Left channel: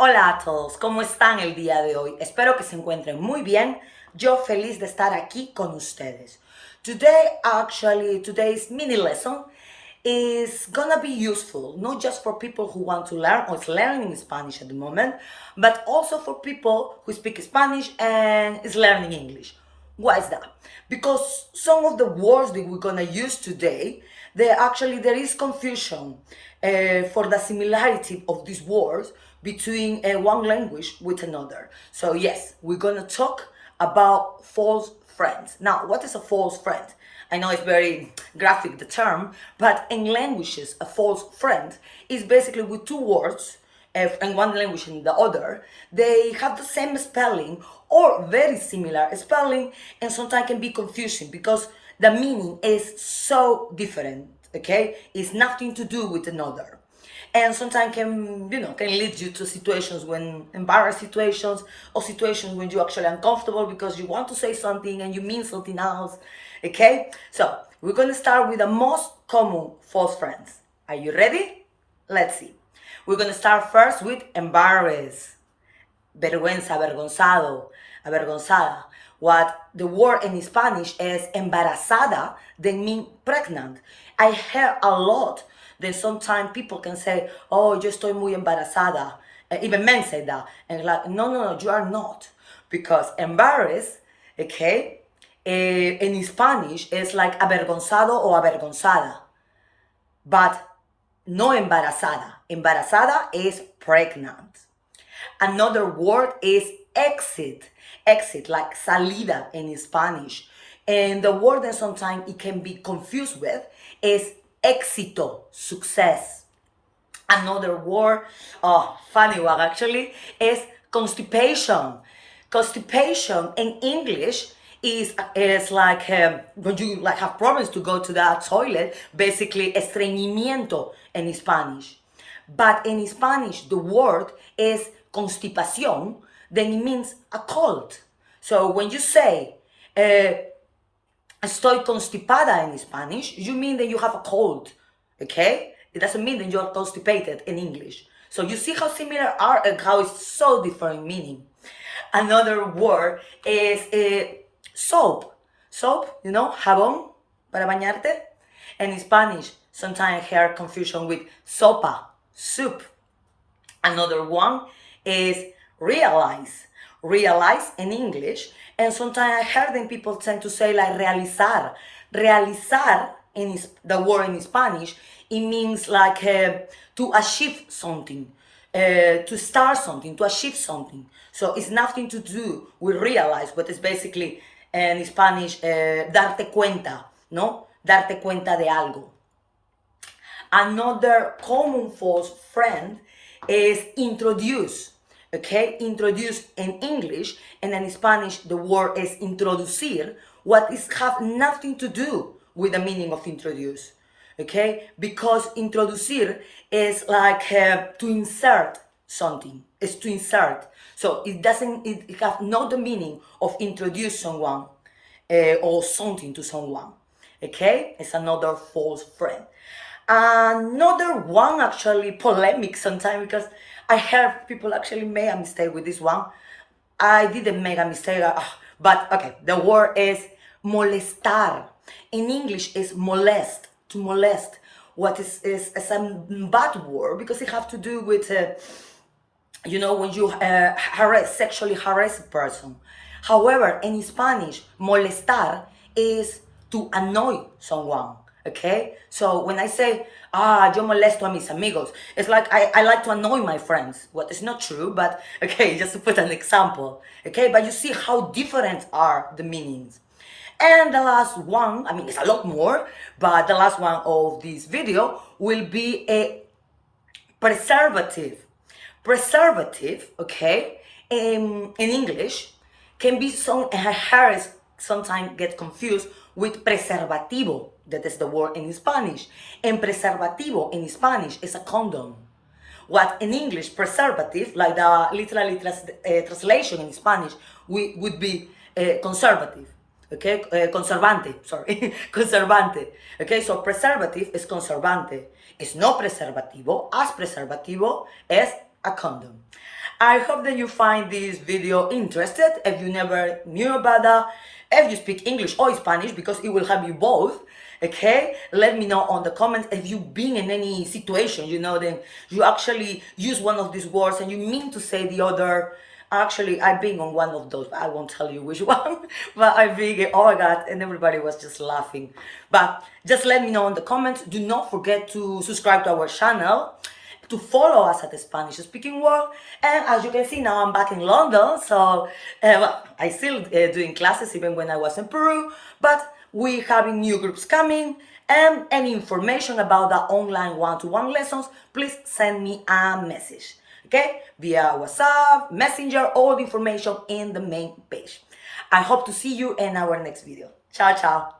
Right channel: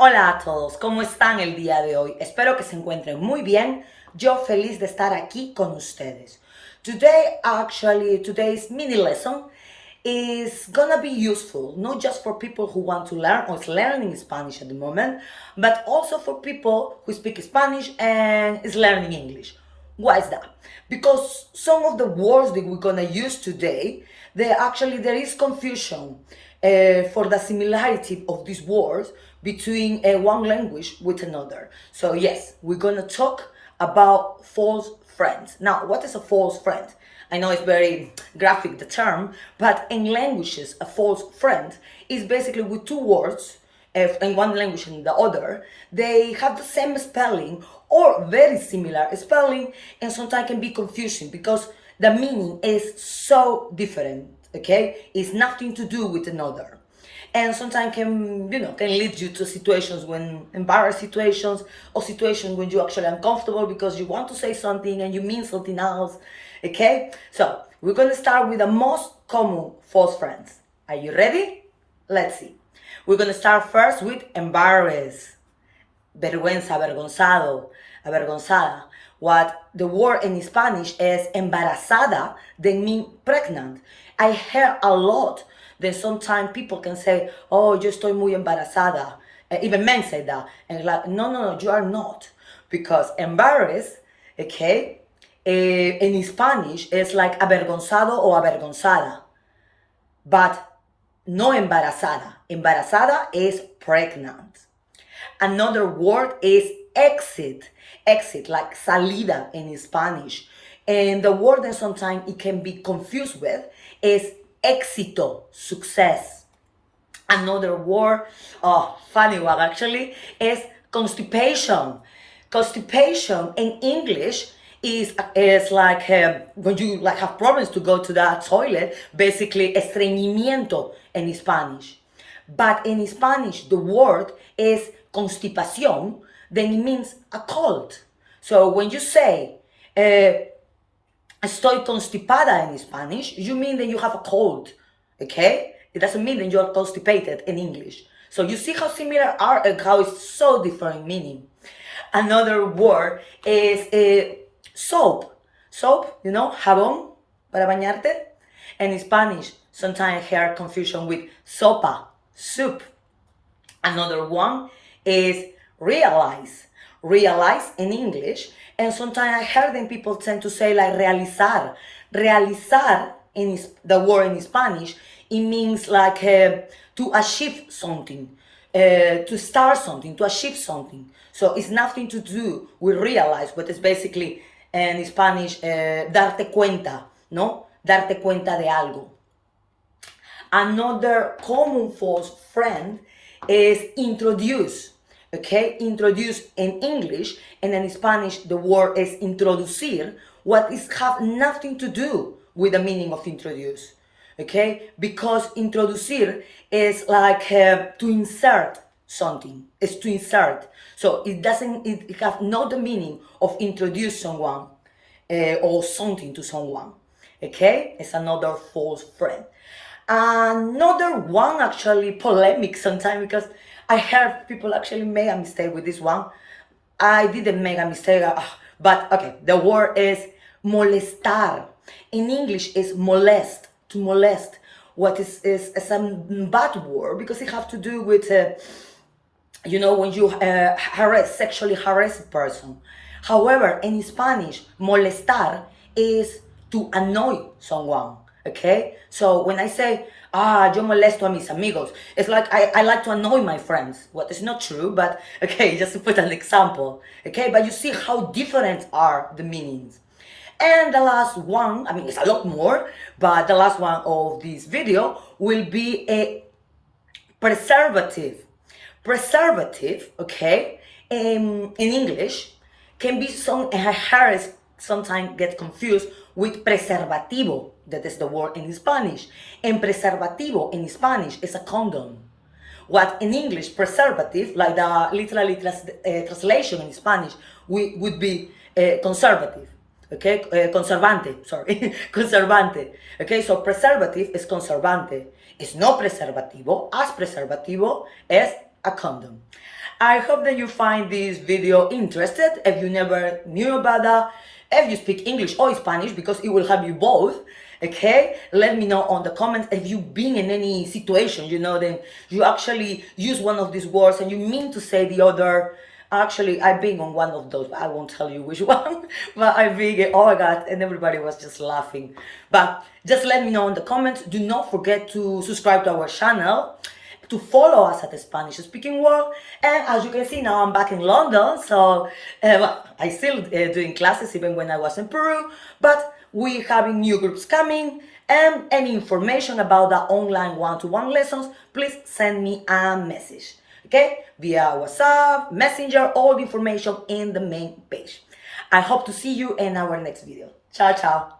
Hola a todos, ¿cómo están el día de hoy? Espero que se encuentren muy bien. Yo feliz de estar aquí con ustedes. Today's mini lesson is gonna be useful, not just for people who want to learn or is learning Spanish at the moment, but also for people who speak Spanish and is learning English. Why is that? Because some of the words that we're gonna use today, there is confusion for the similarity of these words between one language with another. So yes, we're gonna talk about false friends. Now, what is a false friend? I know it's very graphic, the term, but in languages, a false friend is basically with two words, in one language and the other, they have the same spelling or very similar spelling, and sometimes can be confusing because the meaning is so different, okay? It's nothing to do with another. And sometimes can lead you to situations when embarrassed situations or situations when you're actually uncomfortable because you want to say something and you mean something else. Okay, so we're gonna start with the most common false friends. Are you ready? Let's see. We're gonna start first with embarrassed, vergüenza, avergonzado, avergonzada. What the word in Spanish is embarazada, they mean pregnant. I hear a lot that sometimes people can say, oh, yo estoy muy embarazada. Even men say that. And like, no, you are not. Because embarrassed, okay, in Spanish is like avergonzado o avergonzada. But no embarazada. Embarazada is pregnant. Another word is exit. Exit, like salida in Spanish. And the word that sometimes it can be confused with is éxito, success. Another word, funny one actually, is constipation. Constipation in English is like when you like have problems to go to the toilet, basically estreñimiento in Spanish. But in Spanish, the word is constipación, then it means a cold. So when you say estoy constipada in Spanish, you mean that you have a cold, okay? It doesn't mean that you're constipated in English. So you see how similar are and how it's so different meaning. Another word is soap. Soap, jabón para bañarte. In Spanish, sometimes I hear confusion with sopa, soup. Another one is realize. Realize in English, and sometimes I heard them people tend to say like realizar. Realizar the word in Spanish, it means like to achieve something, to start something, to achieve something. So it's nothing to do with realize, but it's basically in Spanish darte cuenta, ¿no? Darte cuenta de algo. Another common false friend is introduce. Okay, introduce in English, and in Spanish the word is introducir, what is have nothing to do with the meaning of introduce. Okay, because introducir is like to insert something. It's to insert. So it have not the meaning of introduce someone or something to someone. Okay, it's another false friend. Another one actually polemic sometimes because I heard people actually make a mistake with this one. I didn't make a mistake, but okay, the word is molestar. In English is molest, to molest. What is a bad word because it have to do with, when you sexually harass a person. However, in Spanish, molestar is to annoy someone. Okay, so when I say yo molesto a mis amigos, it's like I like to annoy my friends. What is not true, but okay, just to put an example. Okay, but you see how different are the meanings. And the last one, I mean it's a lot more, but the last one of this video will be a preservative. Preservative, okay, in English can be sometimes get confused with preservativo, that is the word in Spanish. And preservativo in Spanish is a condom. What in English, preservative, like the literally translation in Spanish, would be conservative. Okay, conservante, sorry, conservante. Okay, so preservative is conservante. It's no preservativo, as preservativo es a condom. I hope that you find this video interested. If you never knew about that, if you speak English or Spanish, because it will help you both. Okay, let me know on the comments if you've been in any situation, then you actually use one of these words and you mean to say the other. Actually, I've been on one of those, but I won't tell you which one. But I've been, oh my God, and everybody was just laughing. But just let me know in the comments. Do not forget to subscribe to our channel, to follow us at the Spanish Speaking World. And as you can see, now I'm back in London. So well, I still doing classes even when I was in Peru. But we having new groups coming. And any information about the online one-to-one lessons, please send me a message. Okay? Via WhatsApp, Messenger, all the information in the main page. I hope to see you in our next video. Ciao, ciao.